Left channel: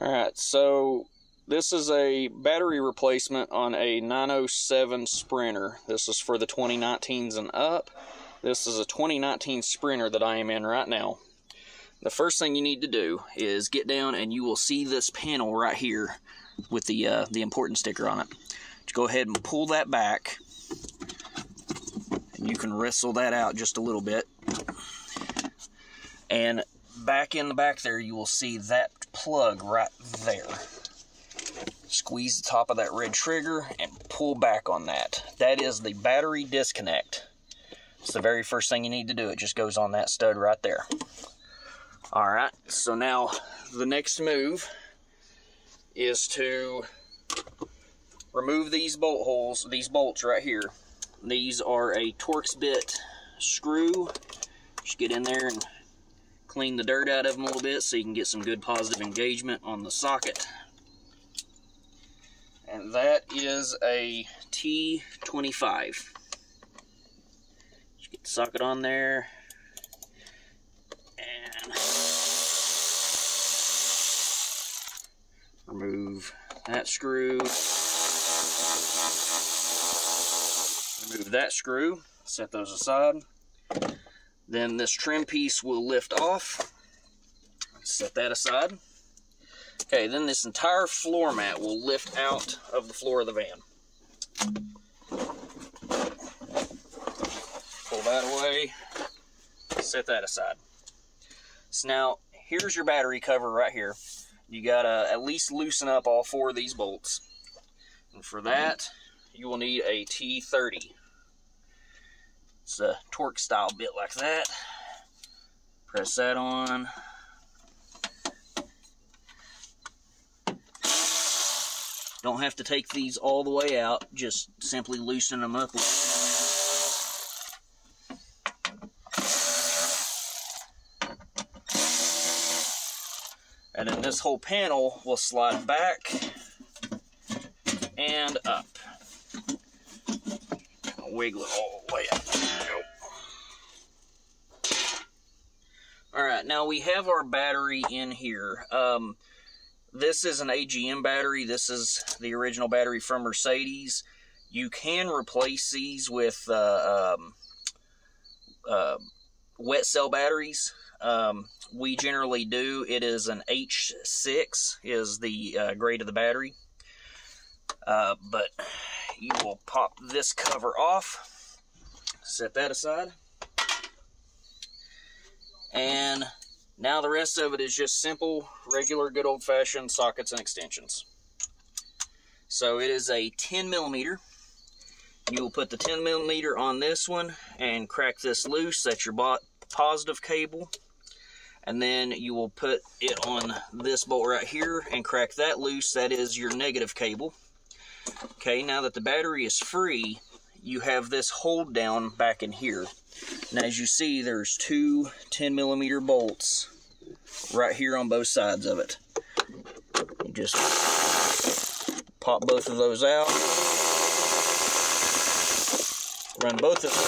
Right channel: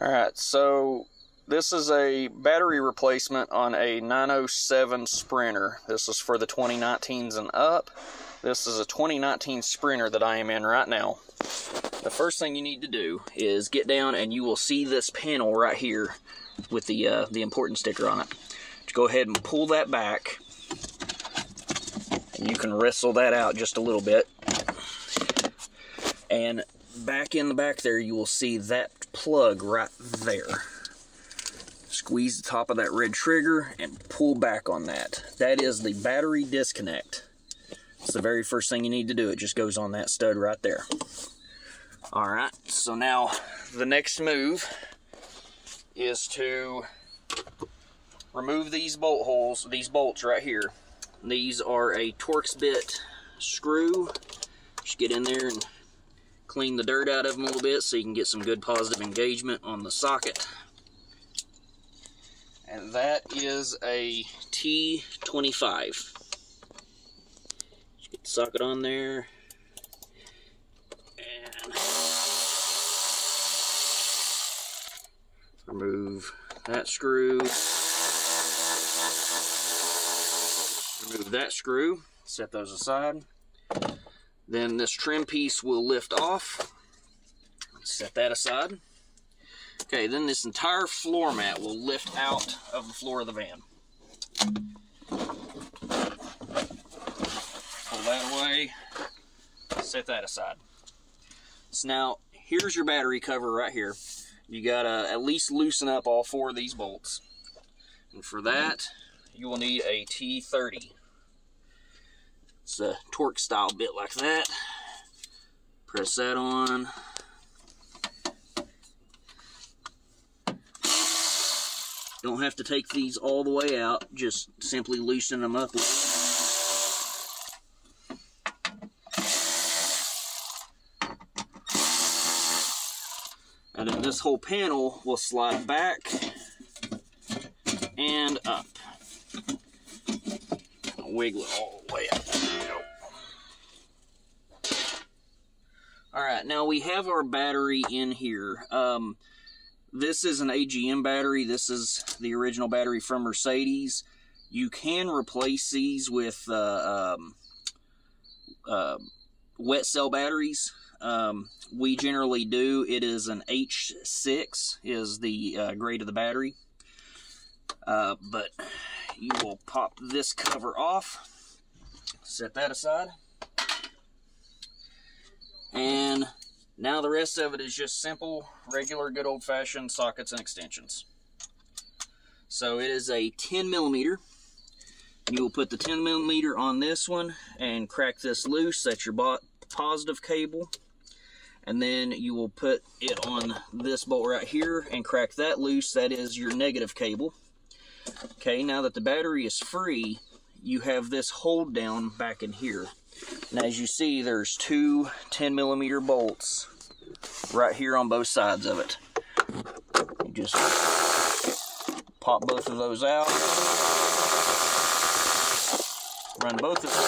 Alright, so this is a battery replacement on a 907 Sprinter. This is for the 2019s and up. This is a 2019 Sprinter that I am in right now. The first thing you need to do is get down, and you will see this panel right here with the important sticker on it. Just go ahead and pull that back, and you can wrestle that out just a little bit. And back in the back there, you will see that plug right there. Squeeze the top of that red trigger and pull back on that. That is the battery disconnect. It's the very first thing you need to do. It just goes on that stud right there. Alright, so now the next move is to remove these bolt holes, these bolts right here. These are a Torx bit screw. Just get in there and clean the dirt out of them a little bit so you can get some good positive engagement on the socket. And that is a T25. Just get the socket on there and remove that screw. Remove that screw, set those aside. Then this trim piece will lift off. Set that aside. Okay, then this entire floor mat will lift out of the floor of the van. Pull that away. Set that aside. So now, here's your battery cover right here. You gotta at least loosen up all four of these bolts. And for that, you will need a T30. It's a Torx style bit like that. Press that on. Don't have to take these all the way out, just simply loosen them up. And then this whole panel will slide back and up. I'll wiggle it all the way up. Alright, now we have our battery in here. This is an AGM battery. This is the original battery from Mercedes. You can replace these with wet cell batteries. We generally do. It is an H6 is the grade of the battery. But you will pop this cover off. Set that aside. And now the rest of it is just simple, regular, good old-fashioned sockets and extensions. So it is a 10mm. You will put the 10mm on this one and crack this loose. That's your positive cable. And then you will put it on this bolt right here and crack that loose. That is your negative cable. Okay, now that the battery is free, you have this hold down back in here. And as you see, there's two 10mm bolts right here on both sides of it. You just pop both of those out, run both of them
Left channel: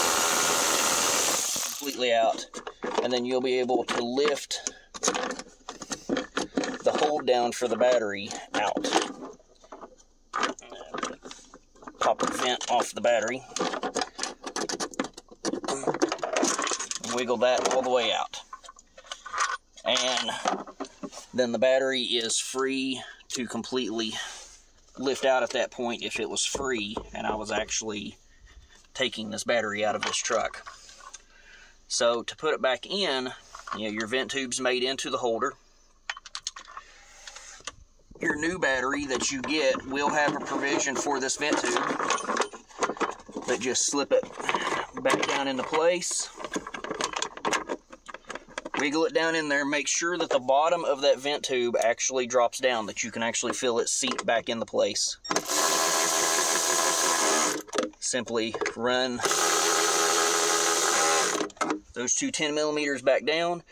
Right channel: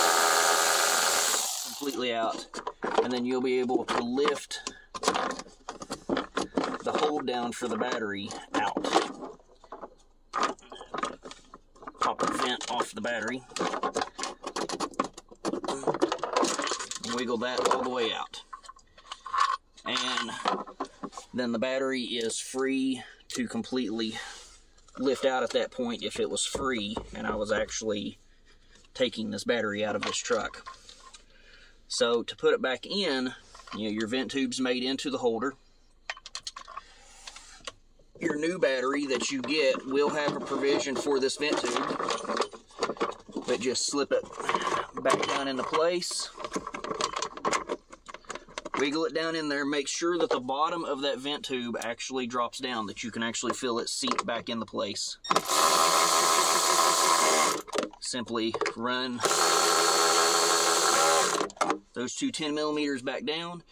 completely out, and then you'll be able to lift the hold down for the battery out. Pop the vent off the battery. Wiggle that all the way out. And then the battery is free to completely lift out at that point if it was free and I was actually taking this battery out of this truck. So to put it back in, your vent tube's made into the holder. Your new battery that you get will have a provision for this vent tube, but just slip it back down into place. Wiggle it down in there. Make sure that the bottom of that vent tube actually drops down, that you can actually feel it seat back into place. Simply run those two 10mm back down,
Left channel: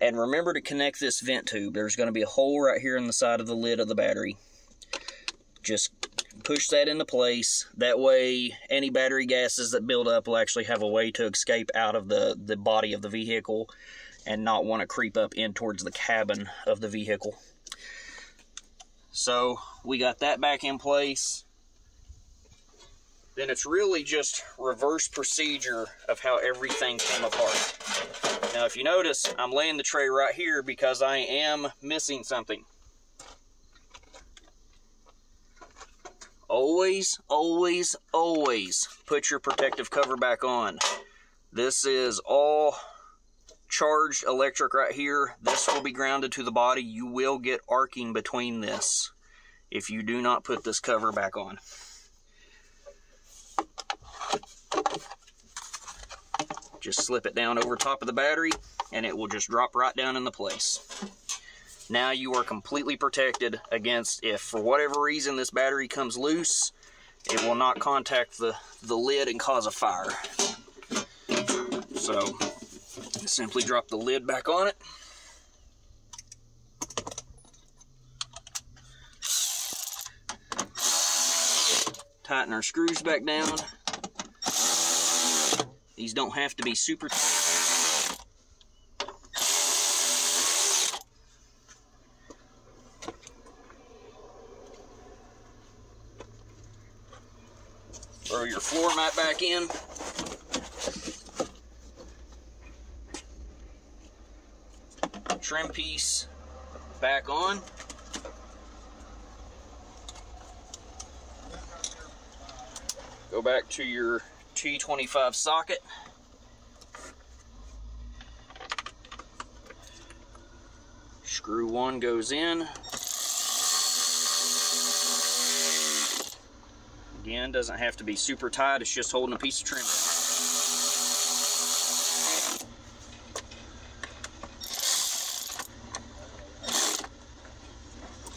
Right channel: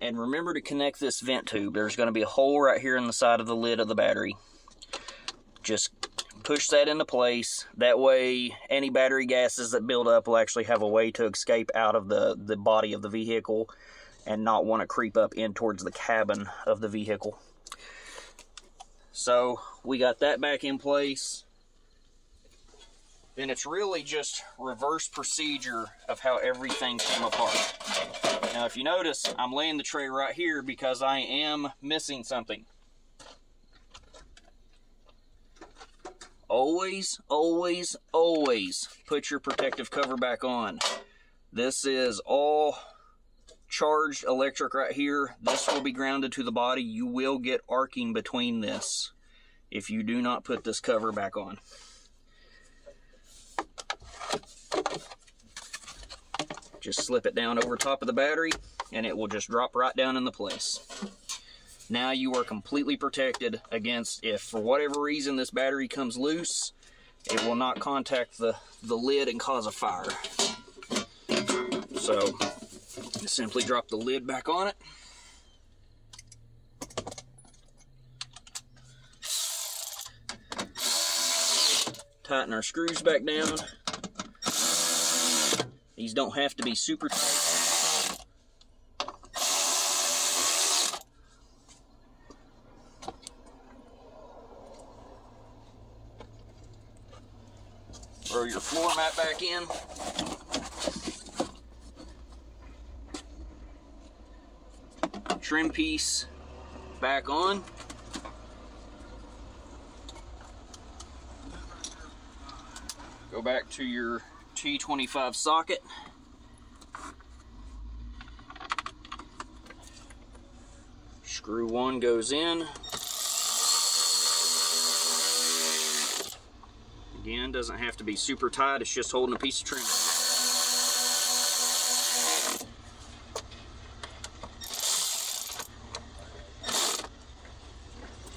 and remember to connect this vent tube. There's going to be a hole right here in the side of the lid of the battery. Just push that into place. That way any battery gases that build up will actually have a way to escape out of the body of the vehicle and not want to creep up in towards the cabin of the vehicle. So we got that back in place. Then it's really just reverse procedure of how everything came apart. Now if you notice, I'm laying the tray right here because I am missing something. Always, always, always put your protective cover back on. This is all charged electric right here. This will be grounded to the body. You will get arcing between this if you do not put this cover back on. Just slip it down over top of the battery and it will just drop right down into place. Now you are completely protected against, if for whatever reason this battery comes loose, it will not contact the lid and cause a fire. So simply drop the lid back on it. Tighten our screws back down. These don't have to be super tight. Throw your floor mat back in. Trim piece back on. Go back to your T25 socket. Screw one goes in. Again, doesn't have to be super tight, it's just holding a piece of trim.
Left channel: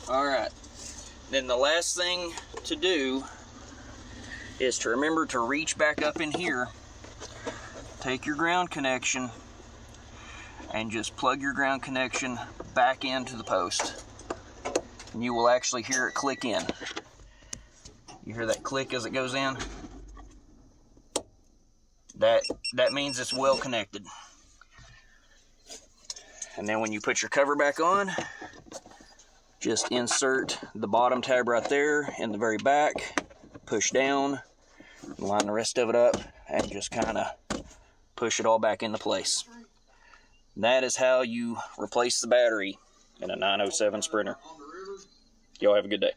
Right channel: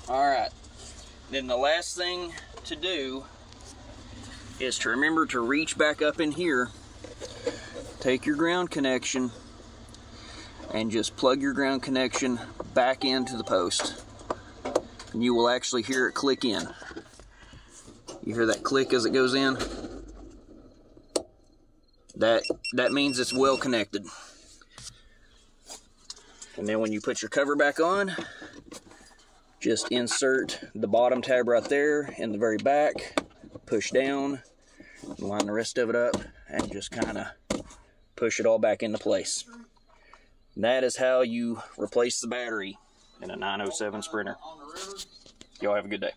Alright, then the last thing to do is to remember to reach back up in here, take your ground connection, and just plug your ground connection back into the post. And you will actually hear it click in. You hear that click as it goes in? That means it's well connected. And then when you put your cover back on, just insert the bottom tab right there in the very back, push down, line the rest of it up, and just kind of push it all back into place. And that is how you replace the battery in a 907 Sprinter. Y'all have a good day.